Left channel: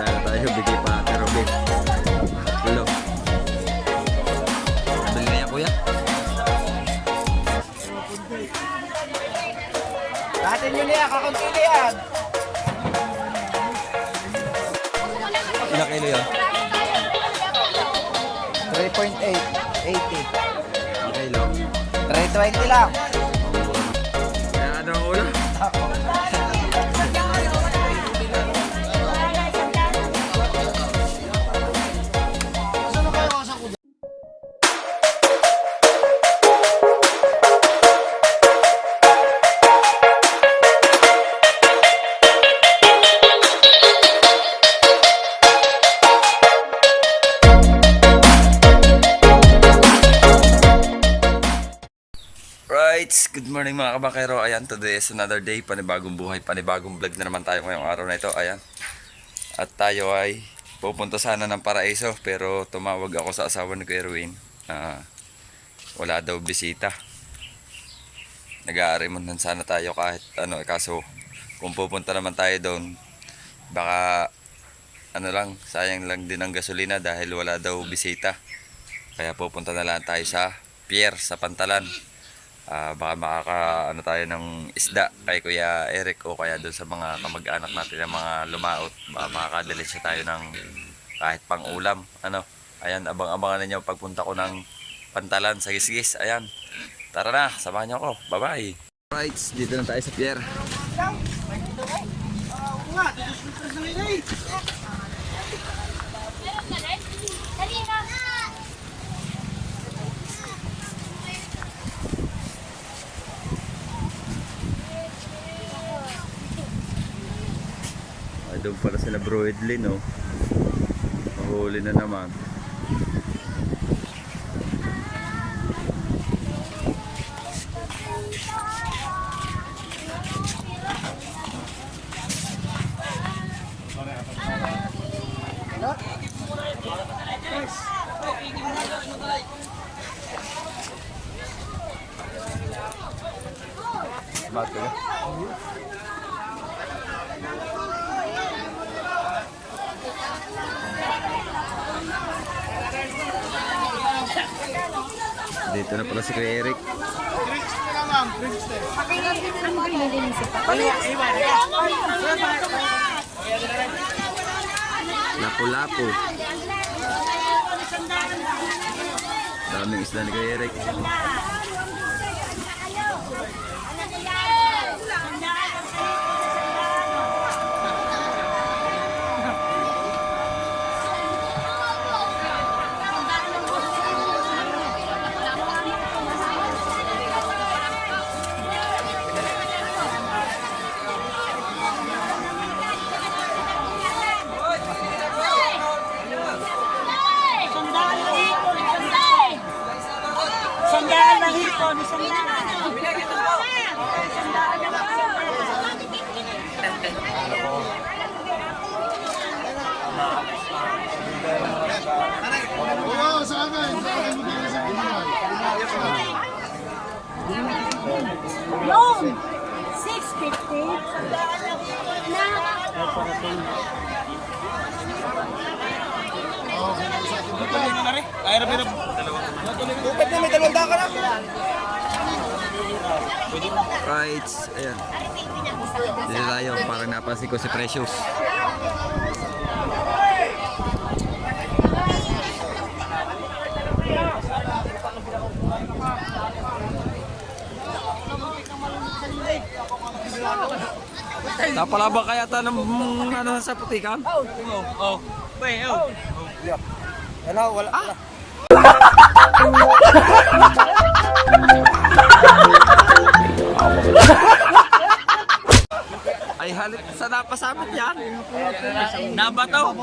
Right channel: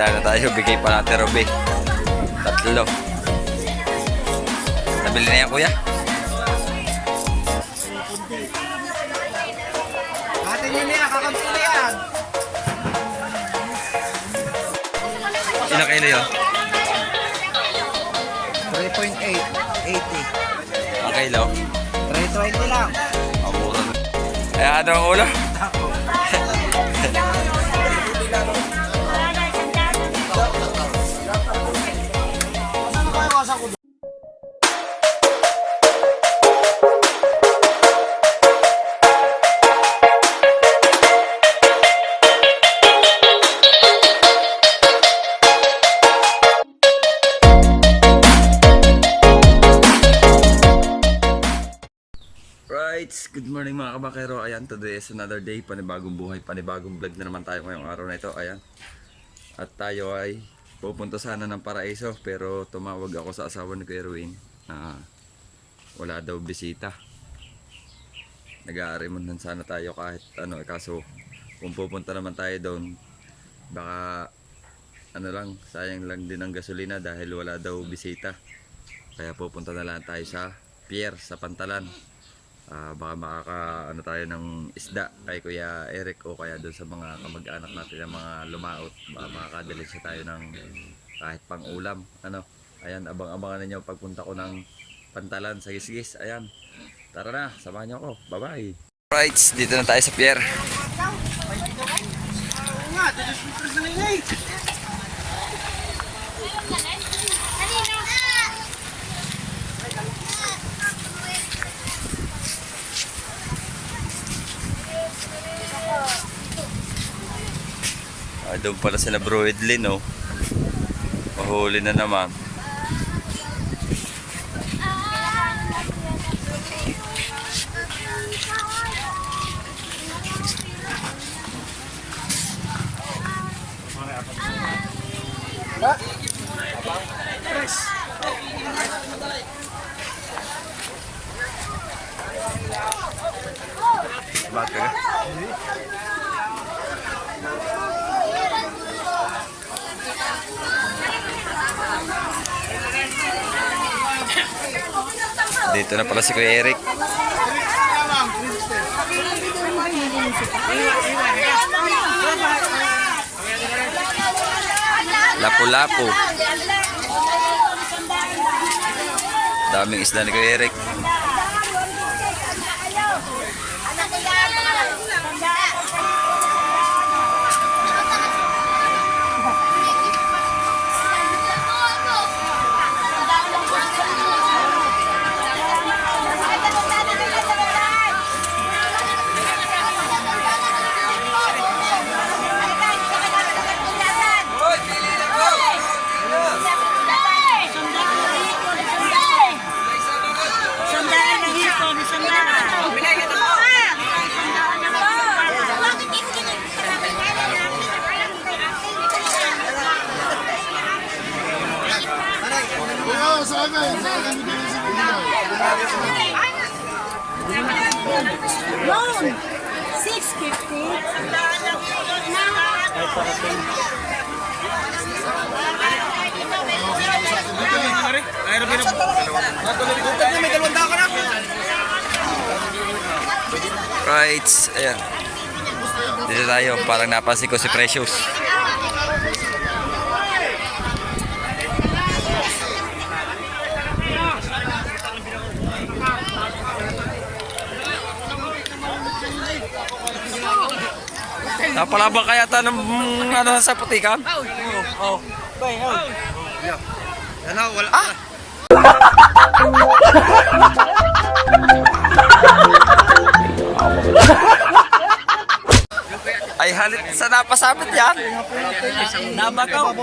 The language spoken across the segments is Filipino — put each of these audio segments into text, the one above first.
isda na tayo. Bigay pa natin Ruby. Tatlo. Nabili na yan kuya? Atin yun yan, kakampili yan. Ilang kilo yun? 3.8, 80. Ang kilo? 320 lang. Ang mura. Kaya ano ang ulo? Saan na kayo kasak ko? Right, good morning mga kabakero. Ayan, today is another day, panibagong buhay, panibagong vlog na naman tayo ngayong araw na ito. Ayan. At tayo ay pupunta sana ng Paraiso, pero tumawag ako sa asawa ni Kuya Erwin. Wala daw bisita. Nag-aarimonhan sana tayo kahit ano, kaso kung pupunta naman tayo doon, baka ano lang, sayang lang din ang gasolina dahil wala daw bisita. Kaya pupunta na lang tayo sa pier, sa Pantalan. Baka makaka ano tayo ng isda kay Kuya Eric o kaya doon sa mga kamag-anak natin ng mga lumaot. Baka makakadali siya tayo ng kahit pang ulam. Ano? Ayan, abang-abangan ninyo pagpunta ko ng Pantalan sa Gisgis. Ayan. Tara na, samahan niyo ako. Bye-bye. Right, dito na tayo sa pier. Doon pala sila Bro Edlin, no? Mahuli na naman. Bakit ka? Dito na pala si Kuya Eric. Lapu-lapu. Daming isda ni Kuya Eric. Loan, 650. Right, ayan. Dito tayo, parang napansin ko si Precious. Napalabang kaya ta ng ano sa putikan? Oh. Bay, oh. Yan ako, wala. Ay halit sa napasabit yan. Nabataw.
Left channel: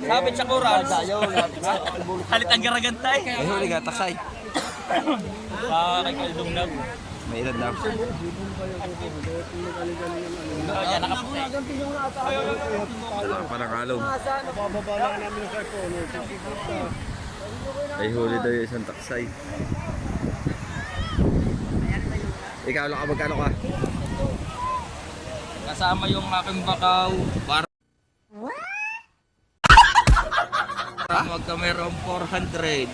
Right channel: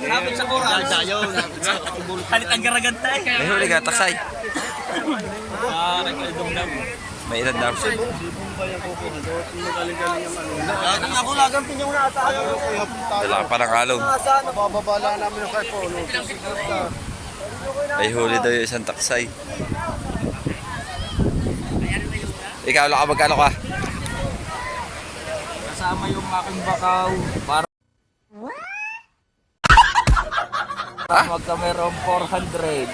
Lapit sa kuras. Halit ang garagantay. May huli ka, taksay. Parang kalidong dam. May ilan daw. Dala ka pa ng alog. May huli daw yung isang taksay. Ikaw lang ka, magkano ka? Kasama yung aking bakaw. Para Ha? Magka mayroong 400.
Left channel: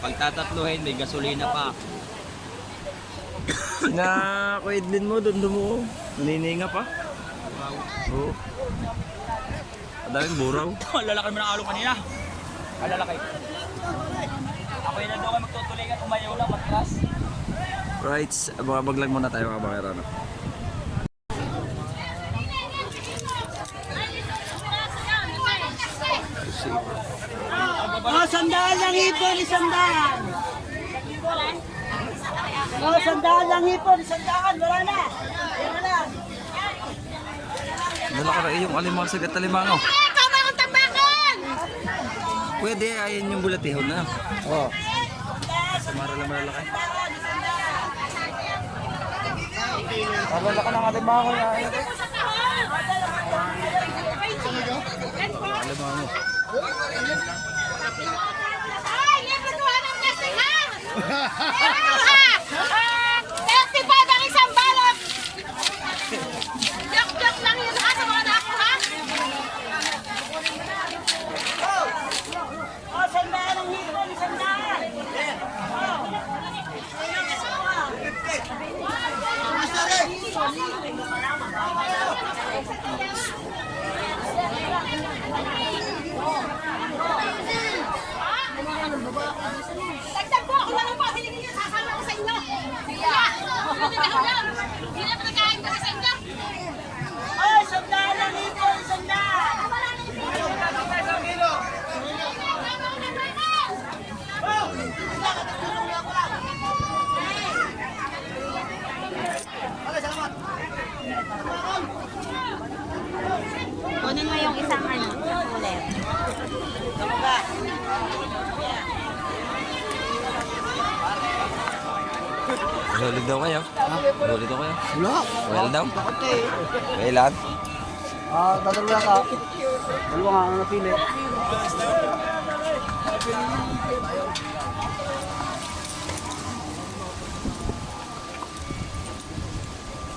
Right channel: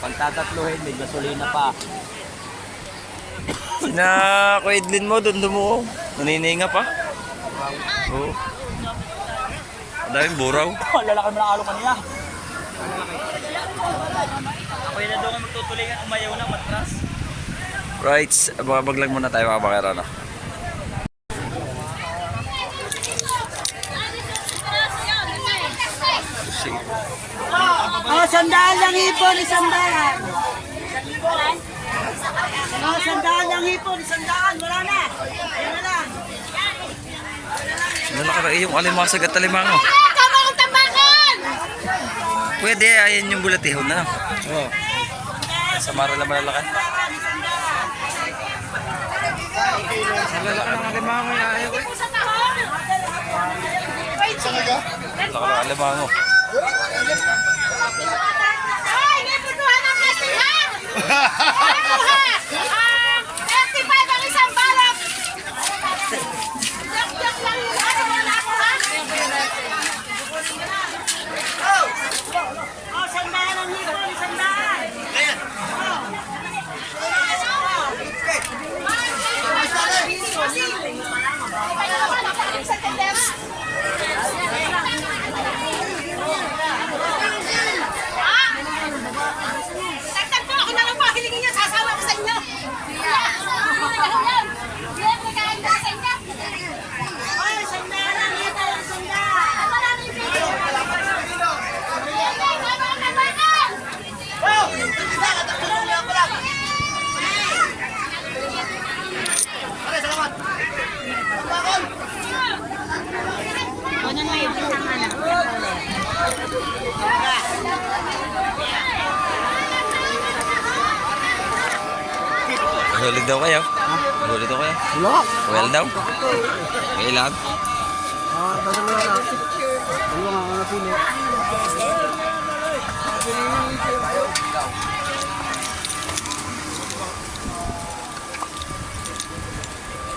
Pag tatatluhin, may gasolina pa. Sina Kuya Edlin mo, doon mo. Nanininga pa. Oo. Ang daming buraw. Ang lalaki mo ng alo kanina. Ang lalaki. Ako'y na doon magtutulingan, umayaw lang, matras. Right, abang lang muna tayo mga bakera, no? Oh, sandaan lang ipon, isandaan. Oh, sandaan lang ipon, isandaan. Wala na. Wala na. Nalaki na yung alimasag at alimango. Pwede, ayan yung bulatihon na. Oo. Samara lang malalaki. Malalaki ng alimango yung ayaw ko. Laki ng alimango. Oh, sandaan lang ipon, isandaan. Tagtag po, kita lang po, hilingin niyo, sasawa ko sa inyo. Hindi na lang. Hindi na nagkain na sa inyo. Oh, sandaan lang ipon, isandaan. Kunin mo yung isang anak. Hulid daw kayo. Hulid daw kayo. Wala. Well daw. Well lang. Ah, dasal lang ka. Ano nga ang pili?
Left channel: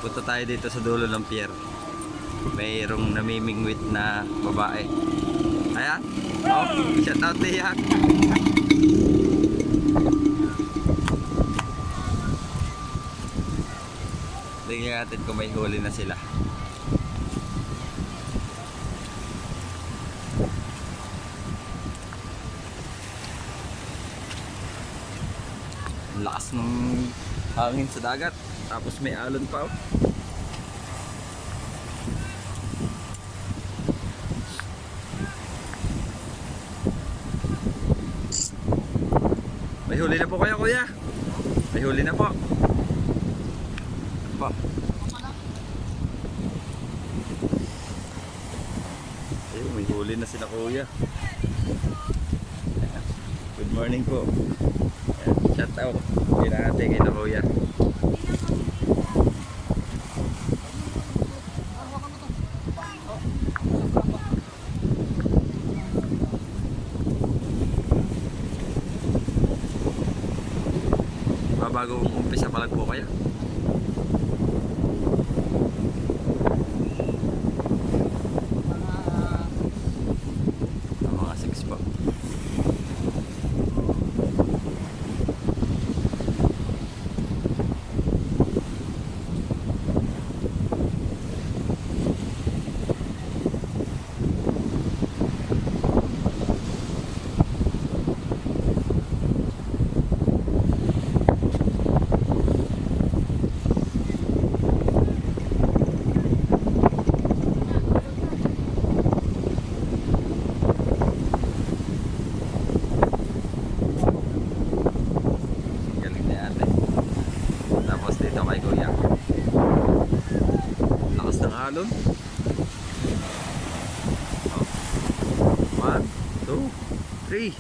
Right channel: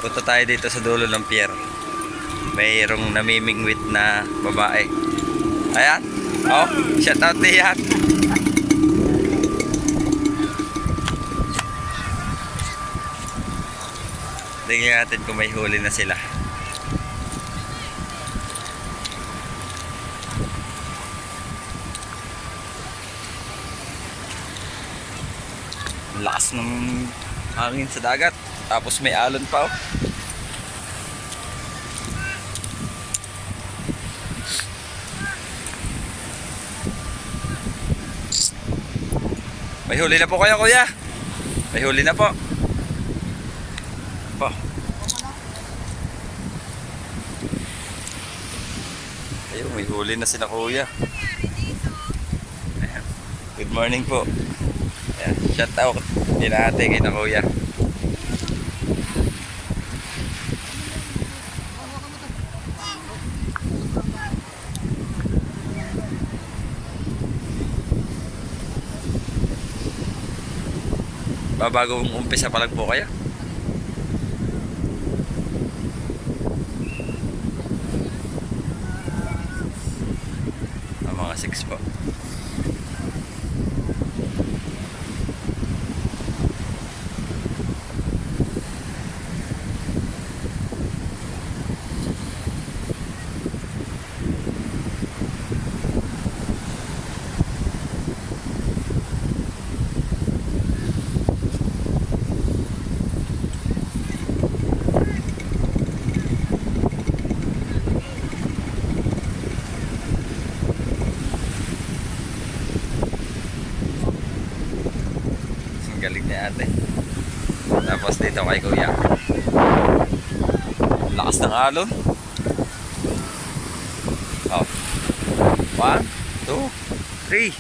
Punta tayo dito sa dulo ng pier. Mayroong namimingwit na babae. Ayan. Oh, shout out diyan. Tingnan natin kung may huli na sila. Ang lakas ng hangin sa dagat. Tapos may alon pa, oh. May huli na po kayo, kuya. May huli na po. Po. Ayun, may huli na sila, kuya. Ayan. Good morning po. Ayan, shout out. Hindi na ate kay na kuya. Babagong umpisa pa lang po kayo. Mga 6 po. Ang galing ni ate. Tapos dito kay kuya. Ang lakas ng alon. Oh. 1, 2, 3.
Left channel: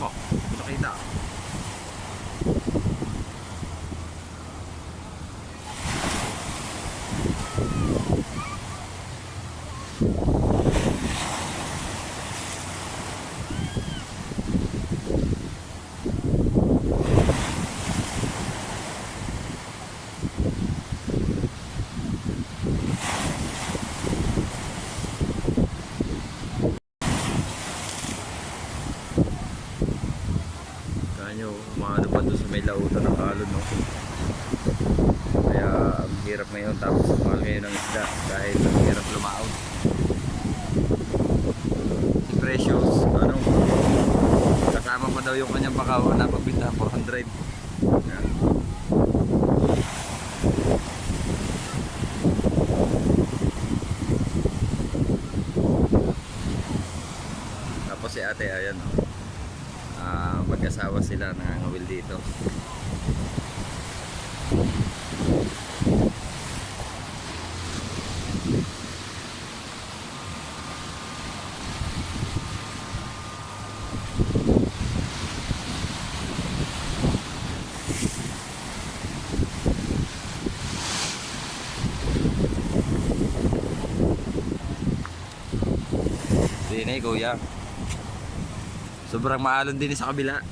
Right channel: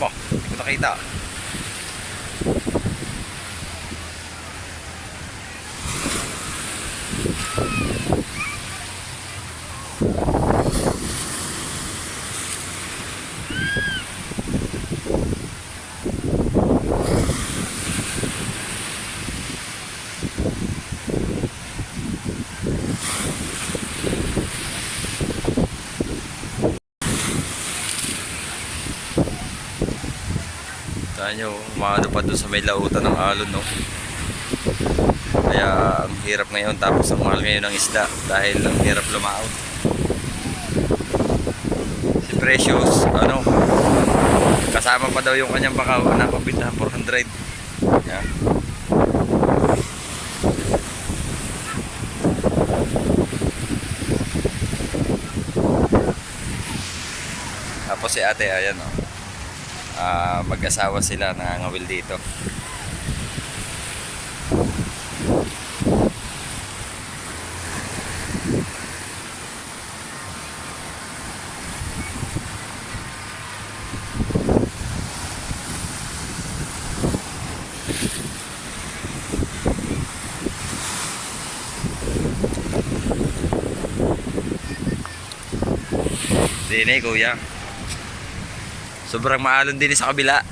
Bah, hindi ko nakita. Kaya nyo, umaano pa doon sa may lautan ng alon, no? Kaya ang hirap ngayon, tapos ang mahal ngayon ng isda dahil ang hirap lumaot. Si Precious, ano, kasama pa daw yung kanyang bakaw na pagbinta, 400. Yan. Tapos si ate, ayan, oh. Mag-asawa sila nangangawil dito. Dine, kuya. Sobrang maalon din sa kabila.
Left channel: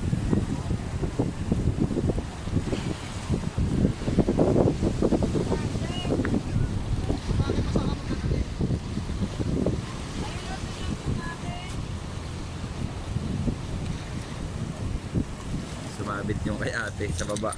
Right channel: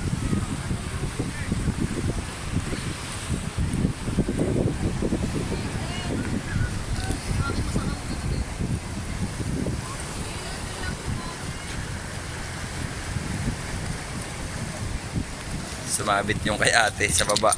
Sumabit yung kay ate sa baba.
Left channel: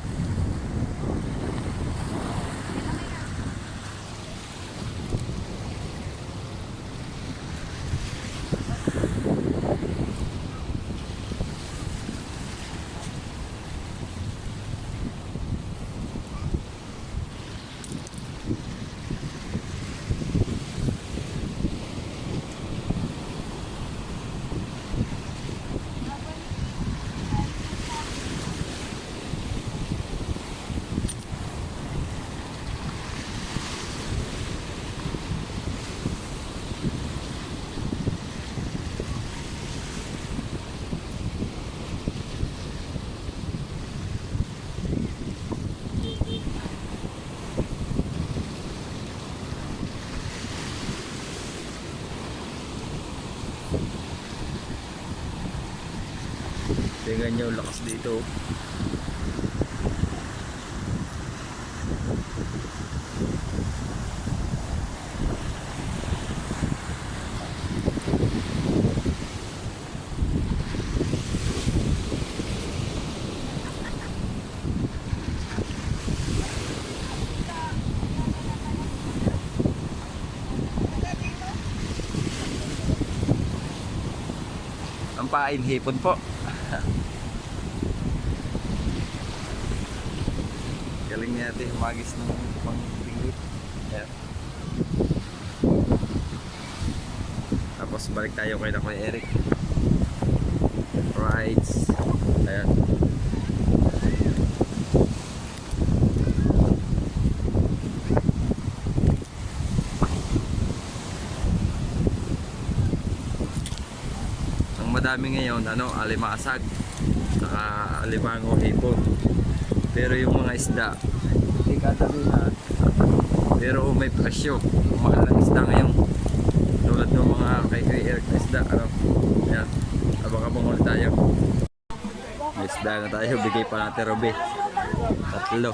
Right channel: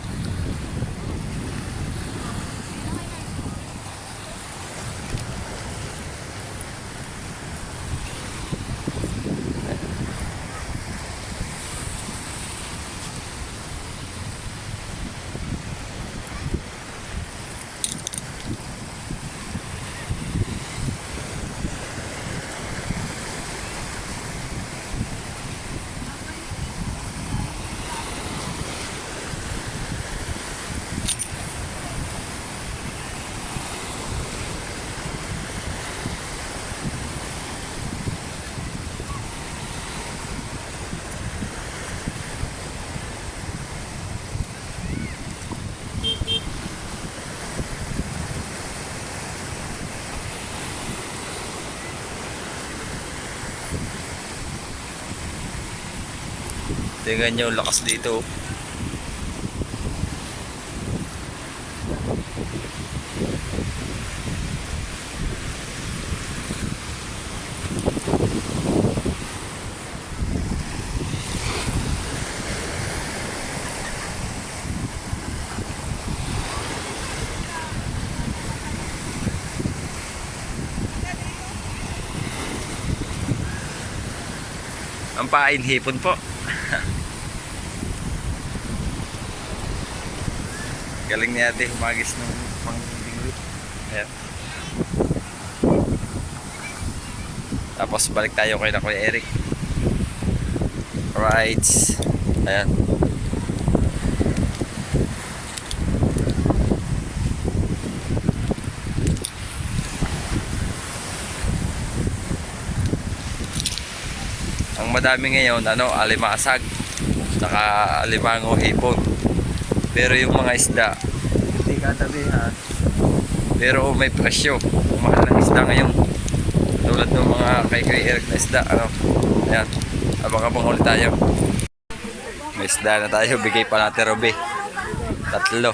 Tingnan nyo, lakas dito. Ang pain hipon po. Galing ni ate humagis ng pang-tingwit. Ayan. Tapos balik tayo kay na Kuya Eric. Alright. Ayan. Ang madami ngayon, ano, alimasag. Saka alimango hipon. Pero yung mga isda, hindi katabihan. Pero may presyo. Ang mahal ng isda ngayon. Tulad ng mga kay Kuya Eric na isda, ano. Ayan. Abang-abang ulit tayo. May isda na tayo. Bigay pa natin, Robe. 3.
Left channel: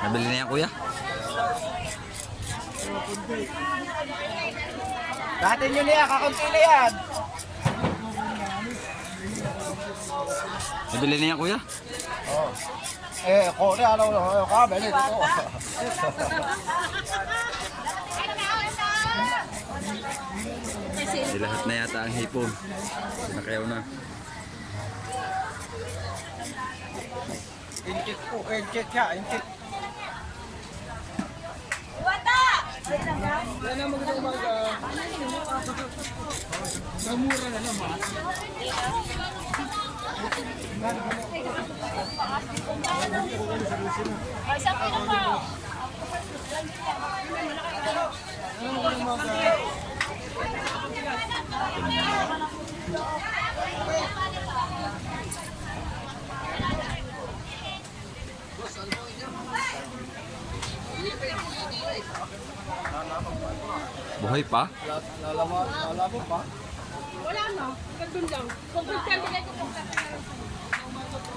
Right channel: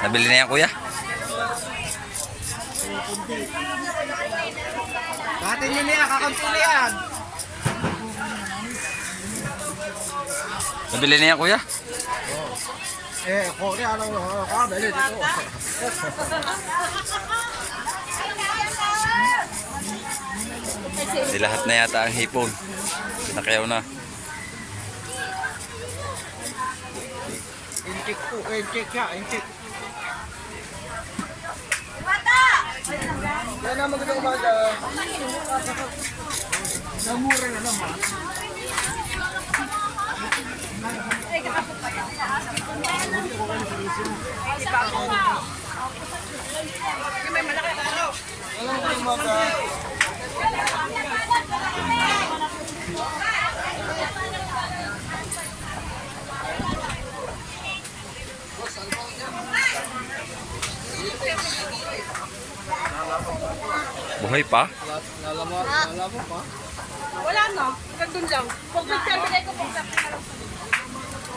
Nabili na yan, kuya? Dati nyo na yan, kakampi na yan. Nabili na yan, kuya? Kore, ano, kamali dito. Di lahat na yata ang hipon. Pinakayaw na. Incheck po, incheck siya, incheck. Yan na magandang umaga. Namura na naman. Buhay pa? Wala no, hanggang dun lang. Kung pagpapilay ko, pagpapilay ko.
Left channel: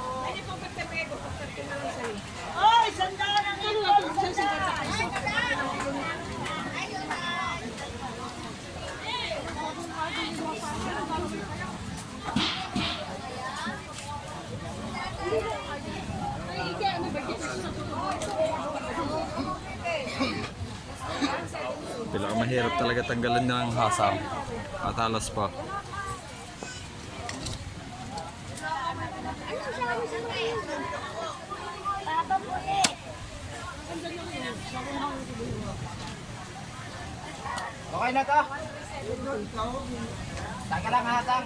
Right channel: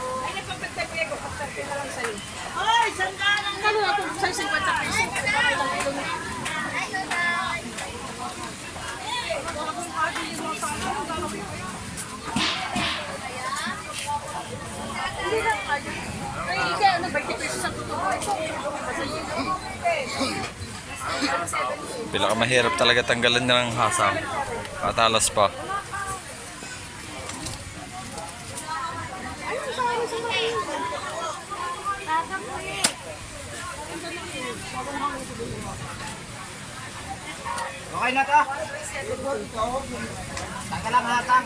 Ay, nagpapagpapilay ko, pagpapilay lang sa'yo. Ay, sandalan na no! Sa'yo, 50 pesos. Pinakamahirap talaga tanggalan ng hasang. Patalas pa. Okay na to? Tangka lang hatang.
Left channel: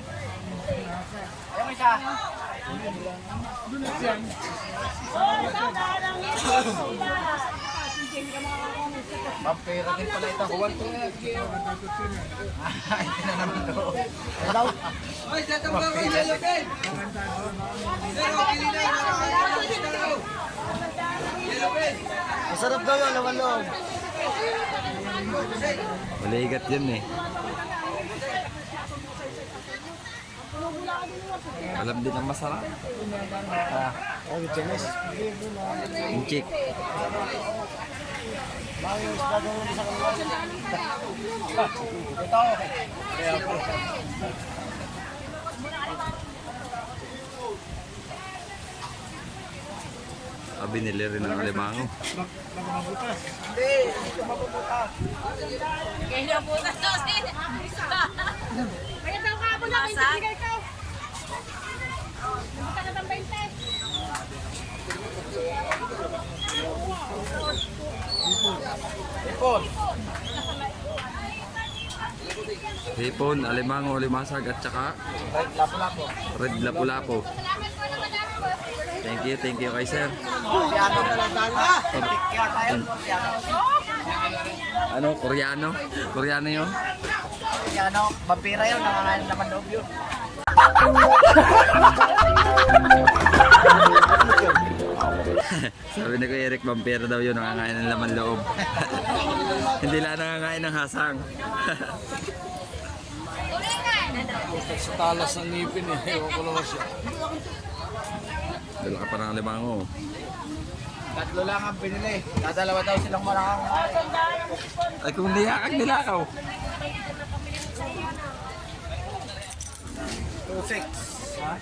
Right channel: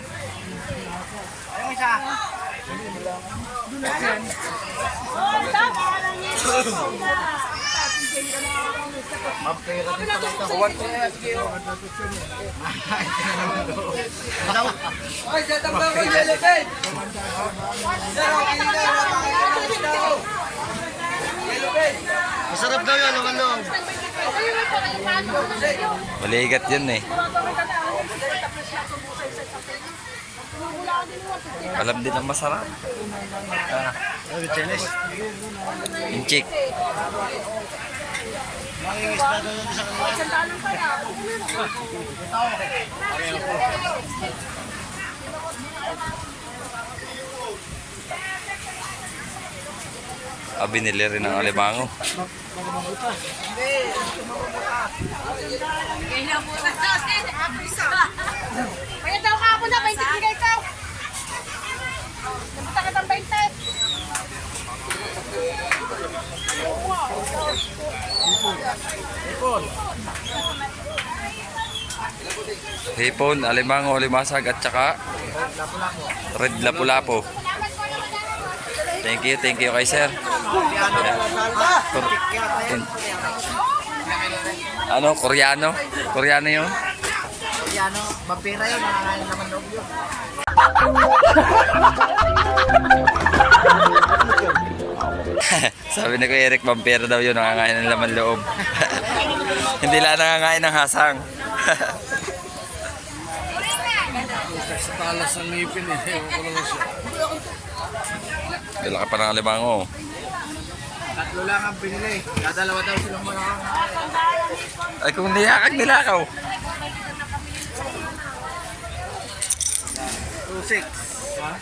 Ayun isa. Oh, sandaan ang hipon, sandaan. Masarap daw yun, naman loob. Maligat yun eh. Alam din ang masarap. Ah, inchik. Mga isda daw yun sa kanila. Binili rin ng alimango. Kaya po na. Kaya daw ka ako na, 20 bigay ka. Basta ka ng 20. Hipon, alimango, limasag at saka red lapu-lapu. Thank you kay sir. Ano, Koreano? Koreano yun? Ano, vampira yun, nakakain naman loob yun. Sabi ni Kuya Eric, vampiro daw yun, nangangain ng laman loob. Hindi lang nangangain ng hasang. Sa talas ng ngipin eh, ewan ko naman siya. Dala ka pa ng alimango. Tatlo lang ang pinili. Dadalawa daw silang marang. Ay kung niyakag nilakaw. 2-6. Ha?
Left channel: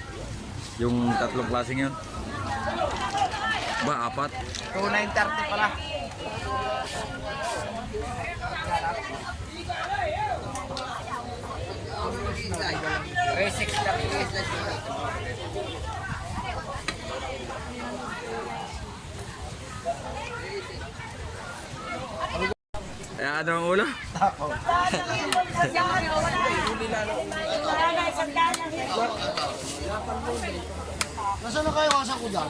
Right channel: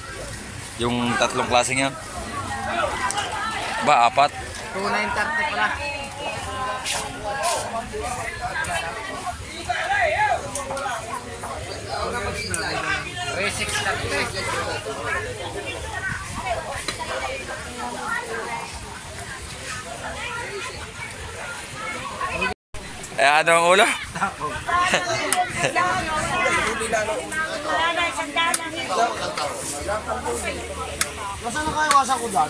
Yung tatlong klaseng yan. Ba, apat? 2-9-30 pala. Eh, ano ang ulo? Nasaan na kayo kasang kudan?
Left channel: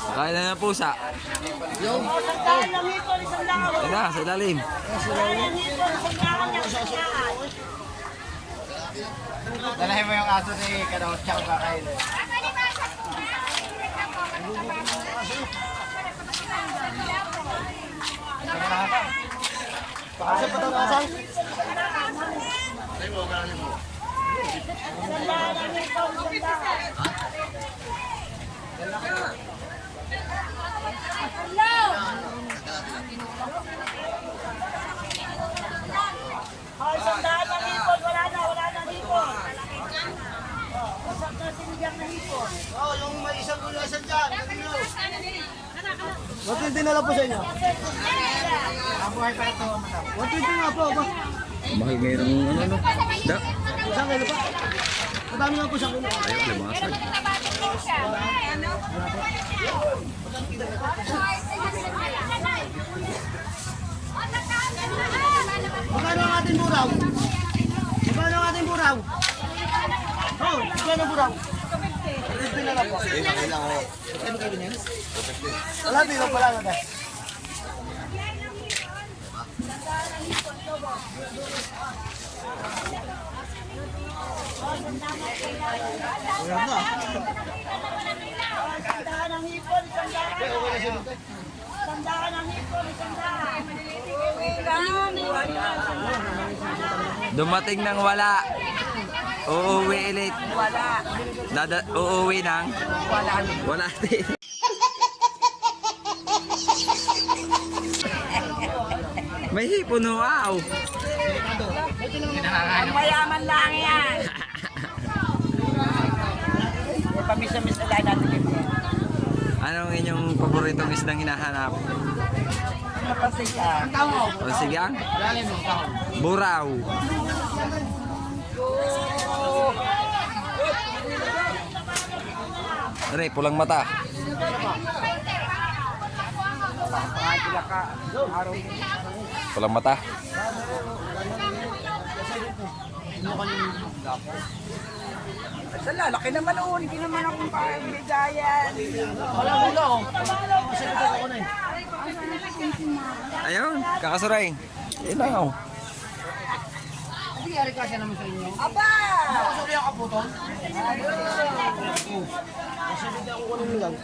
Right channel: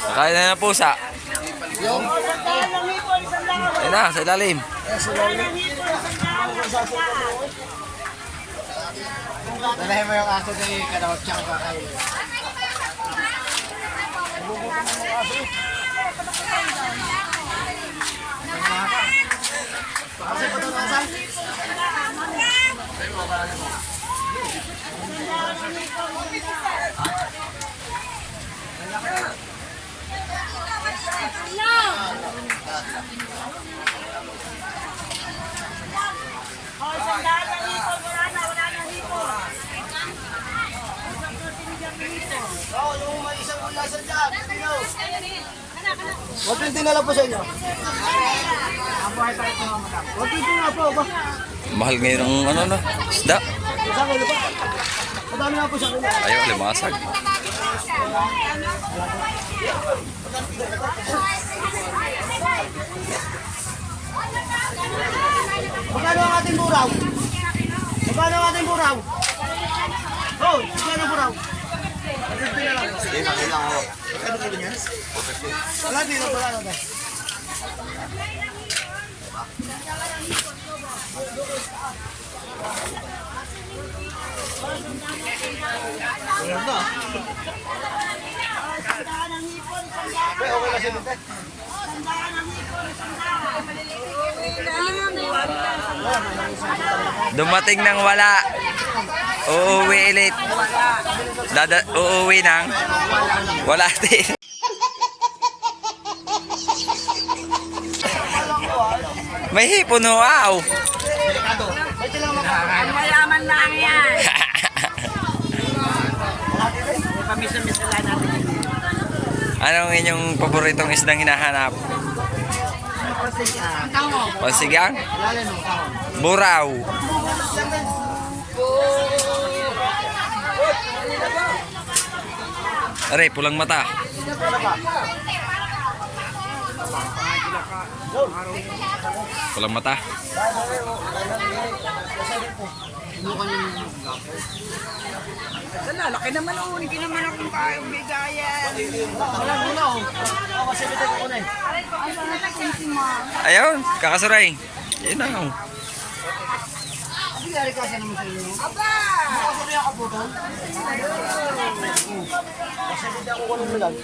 Kakain na ng pusa. Ayun na, sa ilalim. Dalahin mo yung aso ni Karaw, tsaka kakain. Pakasay pa ng asang? Oh, yung may isang ulasan dyan. Tino. Huwag yung dinala po sa inyo. Abuhay pa ito, madam. Huwag yung dinala po ba? Mahal ngayon ang ano no? Isda. Isang kilo po. Madami na po sa kilo. Ayaw, limasag. Magkano ang ating buraw? Magkano ang ating buraw? Oh, magkano ang buraw? Hindi na lang. Hindi, makina ako. Magkano kayo niyan? Wala, di lang pala na. Wala na. Sandaan ang hipon, sandaan. Sandaan ang hipon, sandaan. Dumating ng wala. Uuwi ulit. Uuwi ng wala din. May hipon ho, wow. Ang mayaman lang yan. Pamisa-misa lang natin. Anong inyong paboritong isdang hinahanap? Pansigang? Lalim mo, kahon. Buraw. Aray, pulang mata. Pulang mata. Laki naman oh, hindi naman akong bigayan. Wala muna oh. Masalitan ako na eh. Ayun, kakasuray. Yun na oh. Hindi yari kasi naman sa inyo. Aba! Makasuri ako po to. Masalitan ako ng lang.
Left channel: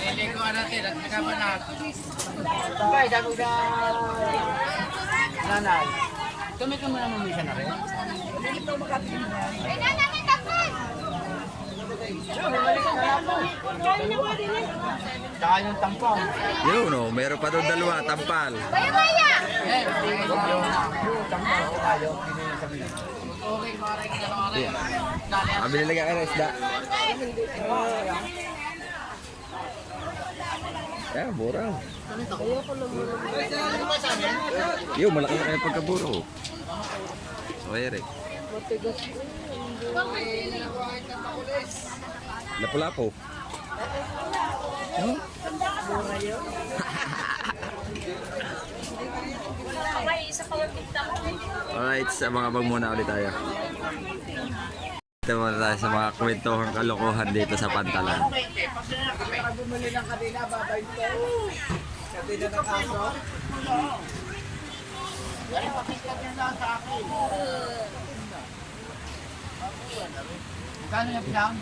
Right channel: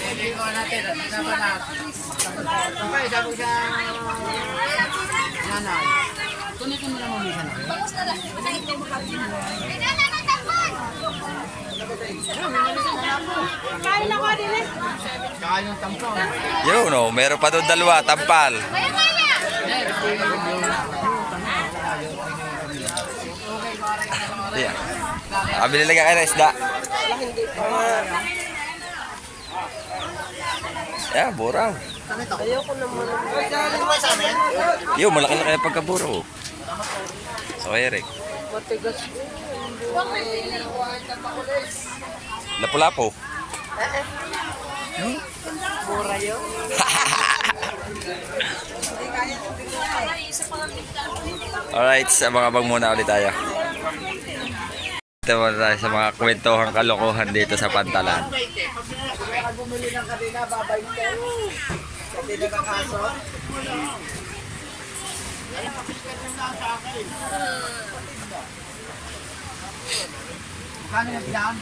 Pwede ko natin at nabanat. Sabay, sabi sa nanay. Kani ka na naman misa na. Kain na ka din eh. Saka yung tampong. Yun oh, meron pa doon dalawa, tampal. Yeah. Kabili lang kayo ng isda. Yeah, buraw. Yo, malaki-laki ang pagkaburo. So, Eric. Lapu-lapu. Yo. Alright, abang-abang muna ulit tayo. Ito muna tayo sa mga kwentohang kalokohan dito sa Pantalan. Bumili ng kanina, babay ko. Kasi nakakaso. Ay, papikat nyo lang sa akin. Magkano yung pinahon?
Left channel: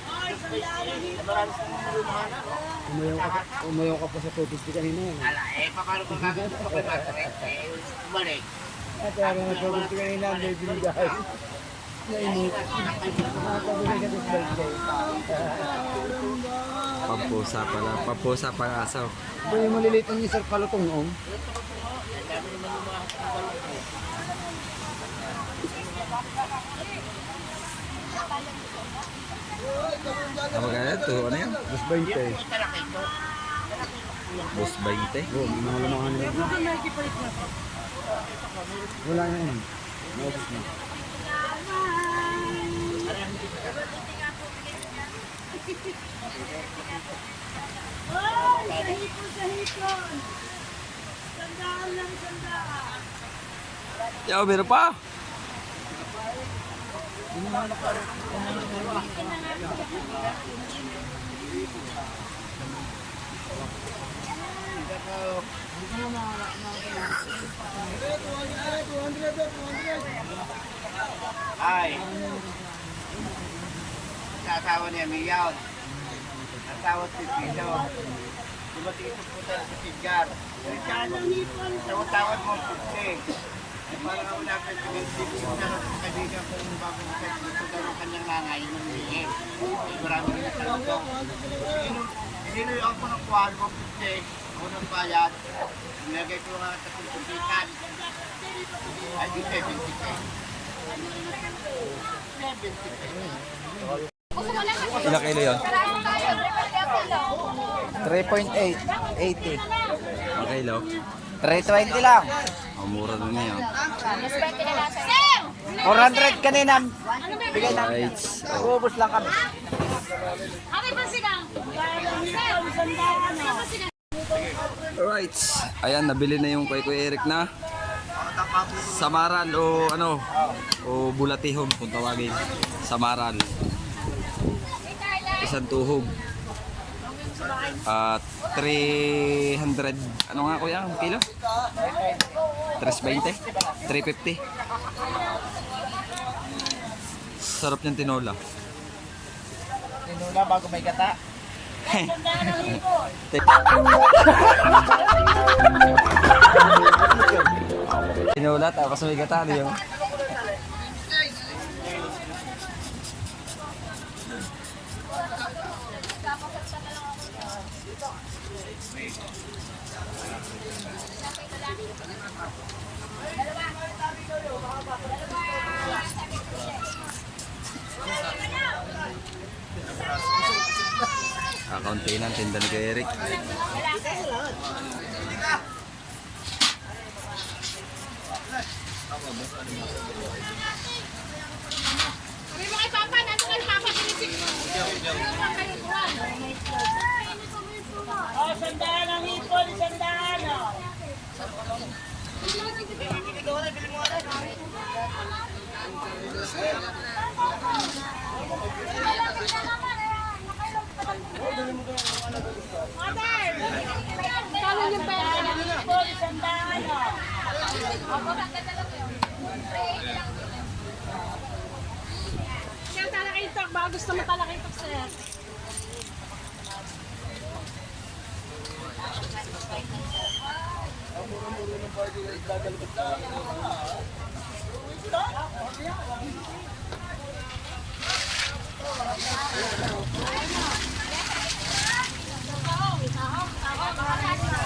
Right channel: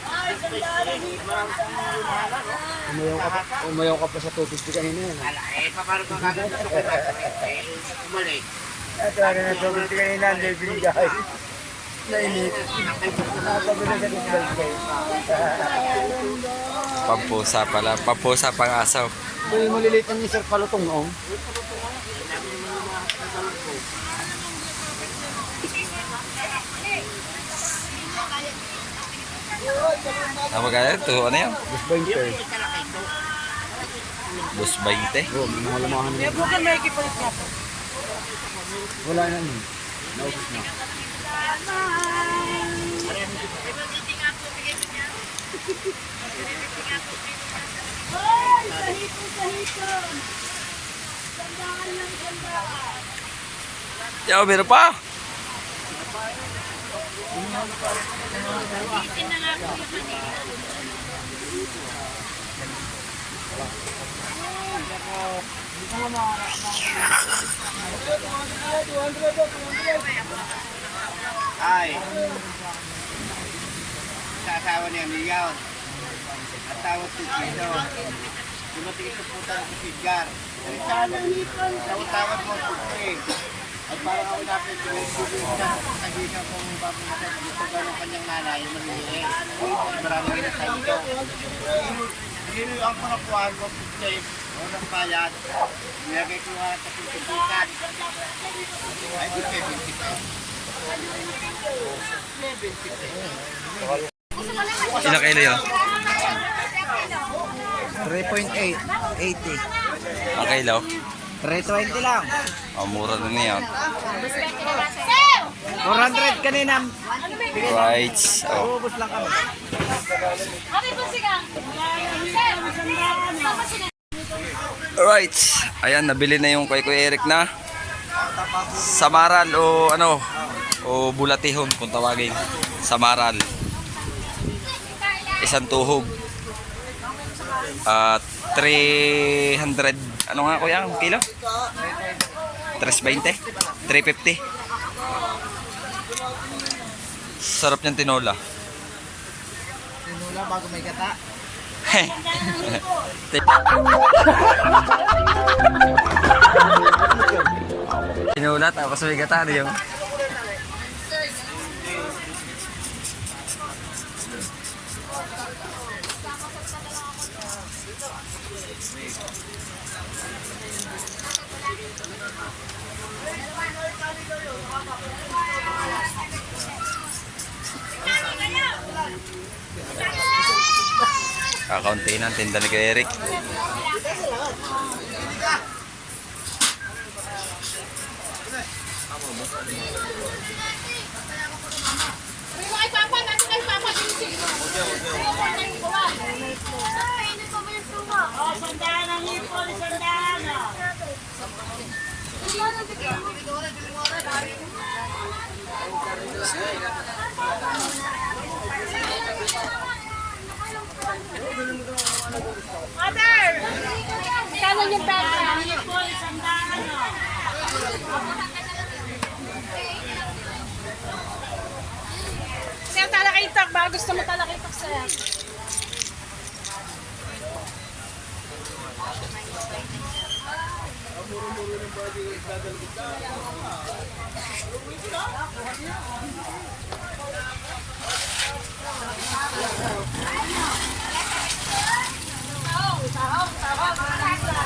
Umayaw ka pa sa 250 kanina yan. Ala, eh, paano ka gagawin ito kay Patrick? Umalik. Kaya na 250 kanina, level guys. Nainit. Pampusa pala, pampusa pang asaw. May maliliit ang isang palutong noong. Ano ba kaya? Ito, ano yan? Mas 20. Bus 20? Yun, wala na kami. Kaya bukan may kipalit na. Wala na yun. Hoy! Sahito! Sandaan lang, sandaan. Yo, meron pa! Ay. Sa asawa niya, Miyaw. At tawag si Tito. Dumating ito po tayo si Sidgar. Tawag mo po at parang ako dapat pinag-ibig niya kaibigan ko bago natin gusto daw ng kanyang nanay yung maniliit. Maraming ginatay ito. Hinuyuan ko ng kuhan mo putik. Ako ng bayad. Nilagay ko nga sa pintikikat. Ay, di 70. Ilang kilo yun? 3.8. 80. Ang kilo? 320 lang. Ang mura na niyan. 400 kanina. Right. Oh. Ubus lang kami. Kami pa sigang. Alright. Ayan, nabili na yung kay Kuya Eric na samaral o ano o bulatihon kung tawagin. Samaral. Isang tuhog. At 300 ano nga kuya ang kilo? 320? 350. Sarap niyang tinola. Tinula bago may gata. Tinola tapos may gata ano yung Kakaunti na ang tinda ni Kuya Eric. May mga ipapa, nato kay Papa. Oh, sandaan ang hipon, sandaan. Oh. Mother! Kaya niyo pa. Hipon, sandaan. Oh. Sir, talakitak ba? Gusto mo talakitak, sir?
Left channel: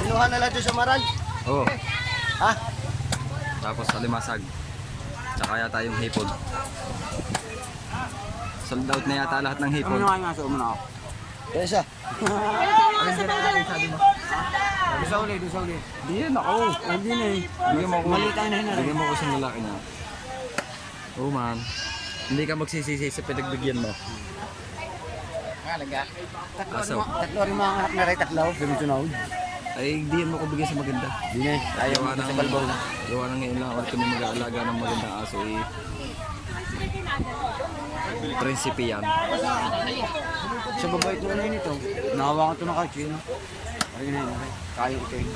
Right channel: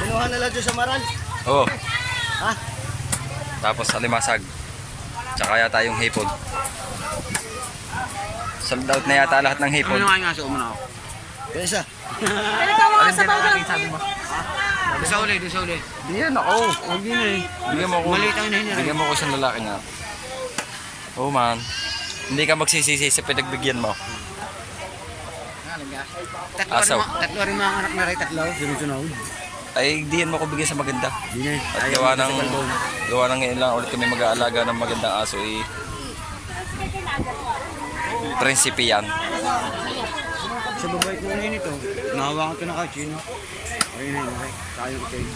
Pinuha na lang dyan sa maral. Oo. Tapos alimasag. Tsaka yata yung hipon. Sold out na yata lahat ng hipon. nga nga sa umuna ako? Yan siya. Alin dyan ang ating sabi mo? Doon sa uli, doon sa uli. Di yan ako. Huwag yun eh. Bigyan mo ako. Maliit ang hinahin. Bigyan mo ako isang lalaki nga. Oo man. Hindi ka magsisisi sa pinagbigyan mo. Asaw. Tatlo rin mga anak na rin, tatlo. Sunod-sunod. Ay, di yan mo ko bigyan sa maganda. Di na eh. At gawa ng ngayon lang ulit kami mag-aalaga ng magandang aso eh. Prinsipe yan. Sa babait na ngayon ito, nahawakan ko na kay Chino. Ayun na yun, kaya ko kayo.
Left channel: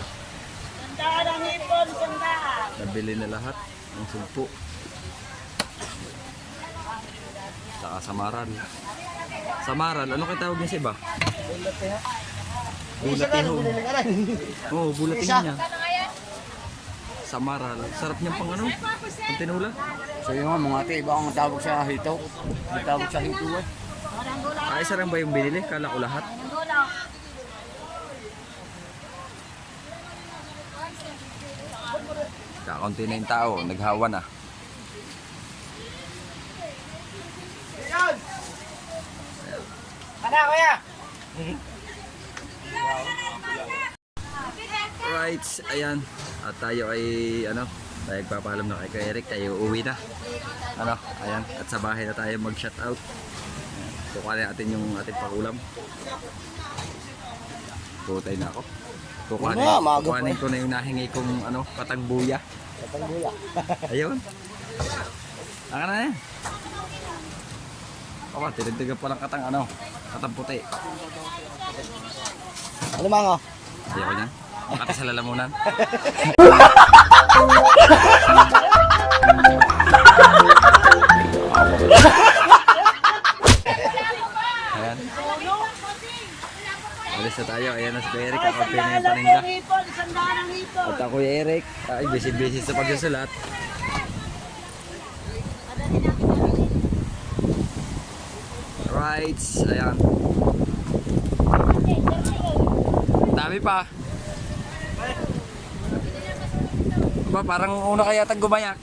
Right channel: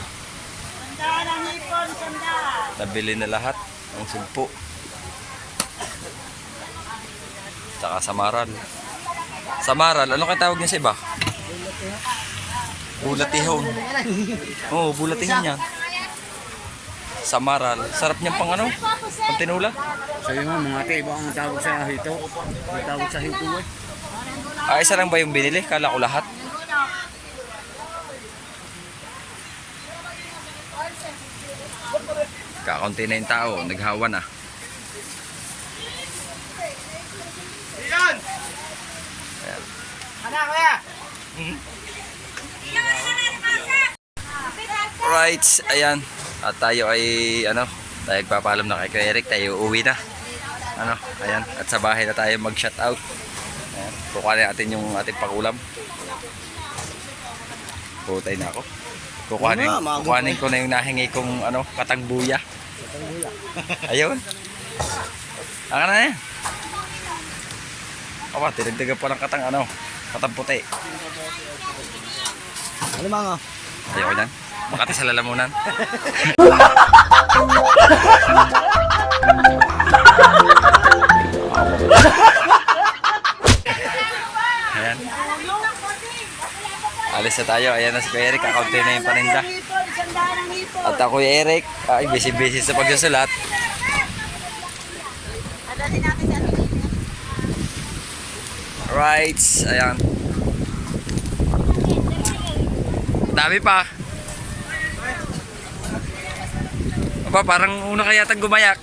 Sandaan ang hipon, sandaan. Nabili na lahat ang sugpo. Tsaka samaral. Samaral, ano kaya tawag niya sa iba? Bulatihon. Oo, bulatihon yan. Samaral. Sarap niyang pang ano? Pang tinula. So yun nga, mga ate, iba ang tawag sa hito. Ang tawag sa hito eh. Ah, isa lang ba yung binili? Kala ko lahat. Kakaunti na yung tao. Naghawa na. Yan! Ano, kuya? Right, ayan. At tayo ay tayo nagpapaalam na kay Kuya Eric, tayo uwi na. Ayan, at sa bahay na tayo mag-shoutout. Ayan, kukuhanin natin yung ating pangulam. Putay na ako. Kukuhanin ko na yung nahingi kong katangbuya. Ayun. Aka na yan. Aba, tinagdagan pa ng katang puti. Ano mga? Ayoko yan. Makati sa lalamunan. Ayan. Alis na tayo. Ayan na si Kuya Eric. Kakaunti na yung paninda. Hipon, sandaan ang hipon. At ako Kuya Eric. Ay, busy-busy sa pagsusulat. Right. Ayan. Dami pa. Aba, parang una kaya tag gumayak.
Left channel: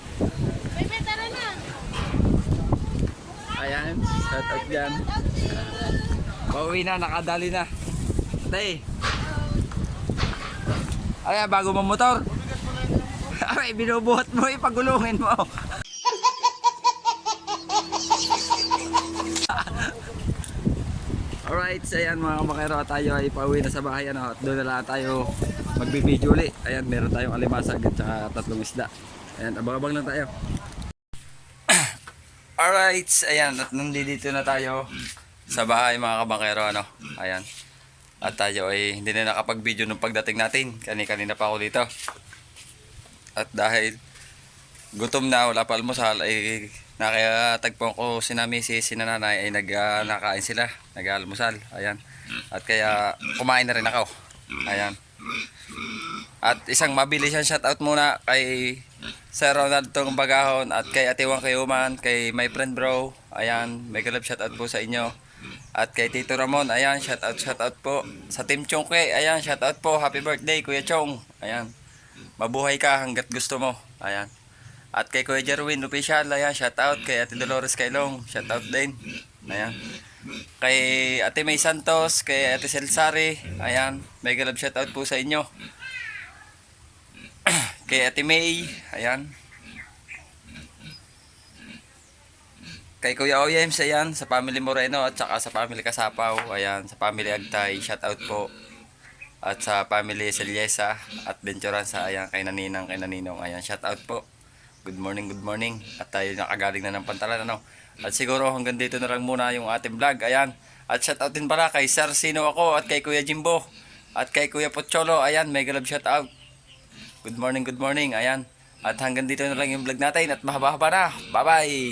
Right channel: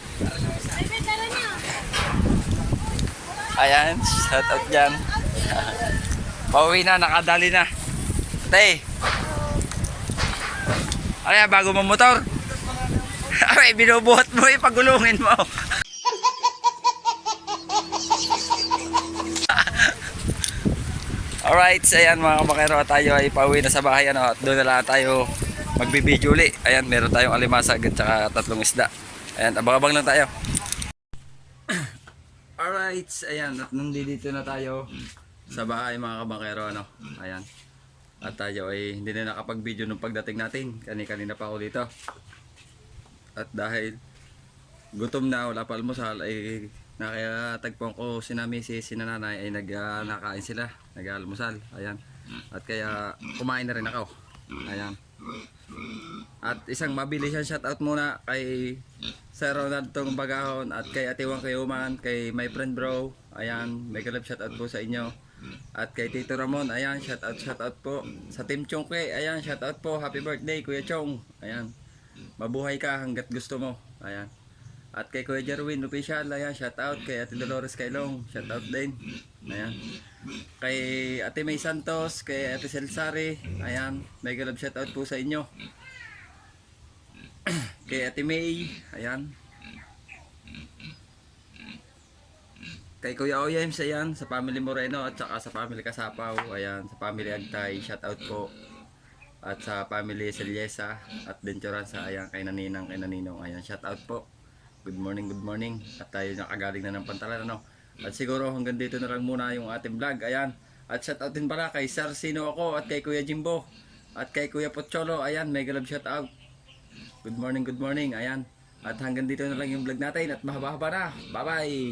Ayan, shout out dyan. Pauwi na, nakadali na. Tay. Ay, bago mong motor. Ay, binubuhat mo, ipagulungin mo. Alright, ayan mga kabakero, tayo ay pauwi na sa bahay at doon na lang tayo magbibideo uli. Ayan, meron tayong alimasag at saka 3 isda. Ayan, abang-abang lang tayo. Alright, ayan, at nandito na tayo sa bahay mga kabakero, ayan. At tayo ay hindi na nakapag-video nung pagdating natin. Kanina pa ako dito. At dahil gutom na, wala pa almusal, ay nakatagpon ko si nanay ay nakain sila, nag-almusal. Ayan. At kaya kumain na rin ako. Ayan. At isang mabilis yan shoutout muna kay Sir Ronald Tong Bagahon at kay Atiwang Kayuman, kay my friend bro. Ayan, may galap shoutout po sa inyo. At kay Tito Ramon, ayan, shoutout po. Sa Team Chongke, ayan, shoutout po. Happy birthday Kuya Chong. Ayan. Mabuhay ka hanggat gusto mo. Ayan. At kay Kuya Jerwin Official, ayan, shoutout. Kay Ate Dolores Kailong, shoutout din. Ayan. Kay Ate May Santos, kay Ate Celsari, ayan, mega love shoutout po sa inyo. Kay Ate May, ayan. Kay Kuya Oyems, ayan, sa family Moreno at saka sa family Kasapaw, ayan, sa family Agtay, shoutout po. At sa family Selyesa at Venturanza, ayan, kay Naninang, kay Naninong, ayan, shoutout po. Good morning, good morning. At tayo nakagaling na ng Pantalan, ano. At siguro hanggang dito na lang muna yung ating vlog, ayan. At shoutout din pala kay Sir Sino ako at kay Kuya Jimbo at kay Kuya Pocholo, ayan, mega love shoutout. Good morning, ayan. At hanggang dito na lang yung vlog natin at mahaba-haba na. Bye-bye!